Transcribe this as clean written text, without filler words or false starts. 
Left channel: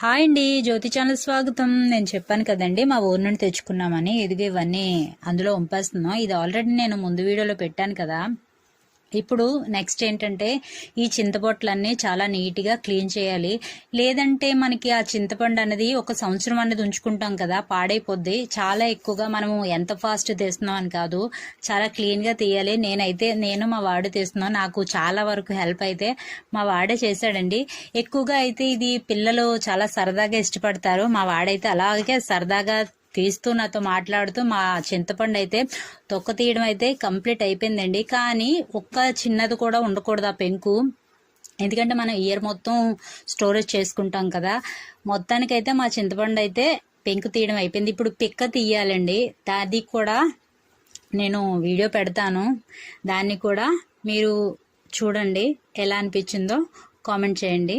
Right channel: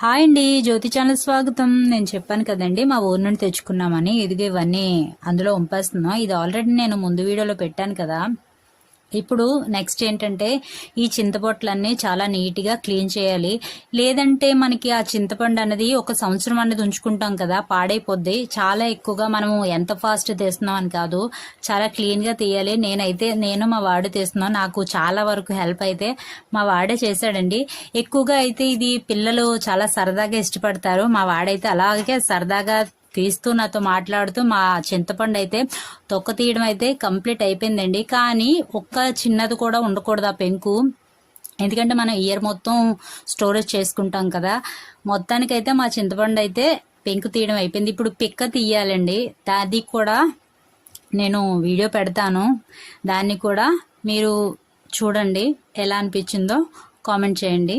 Hi అండి, జ్యోతి channel స్వాగతం. నేను చెప్పాను కదండి మా ఊరు నుండి తెచ్చుకున్నామని. ఇదిగో ఇవన్నీ అందులో వంపేస్తున్నాం. ఇది ఆల్రెడీ నేను ముందు వీడియోలో పెట్టాను కదా. ఇప్పుడు నెక్స్ట్ ఏంటంటే ఈ చింతపొట్లన్నీ చాలా నీట్గా క్లీన్ చేయాలి. లేదంటే మనకి ఆ చింతపండు అనేది ఒక సంవత్సరం అనేది ఉంచుకుంటాం కదా, పాడైపోద్ది. చాలా ఎక్కువగా మనము ఎంత ఫాస్ట్ తీస్తున్నాం అని కాదు, చాలా క్లీన్గా తీయాలి. నేను మా వాడు తీస్తున్నాం. నాకు చాలా వరకు హెల్ప్ అయితే మా వాడే చేశాడండి. ఎక్కువగా అయితే ఇది పిల్లలు చాలా సరదాగా ఇష్టపడతారు. మా వాడైతే అలాగే సరదాగా తీస్తూ నాతో మాట్లాడుతూ మా చింతపండు అయితే తొక్క తీయడం అయితే కంప్లీట్ అయిపోయిందండి. కానీ ఒక్క చిన్నది కూడా ఉండకూడదు ఆ పెంకు, ఎందుకంటే మనం ఇయర్ మొత్తం స్టోరేజ్ చేసుకుంటాం కదా. మొత్తానికైతే మా చింతపండు అయితే పెంకు తీయడం అయిపోయింది. ఇప్పుడు పిక్క తీయాలండి. అది కూడా నేను వీడియో పెడతాను, దాన్ని కూడా మీరు చూడండి. ఎలా అనిపించిందో కామెంట్ చేయండి.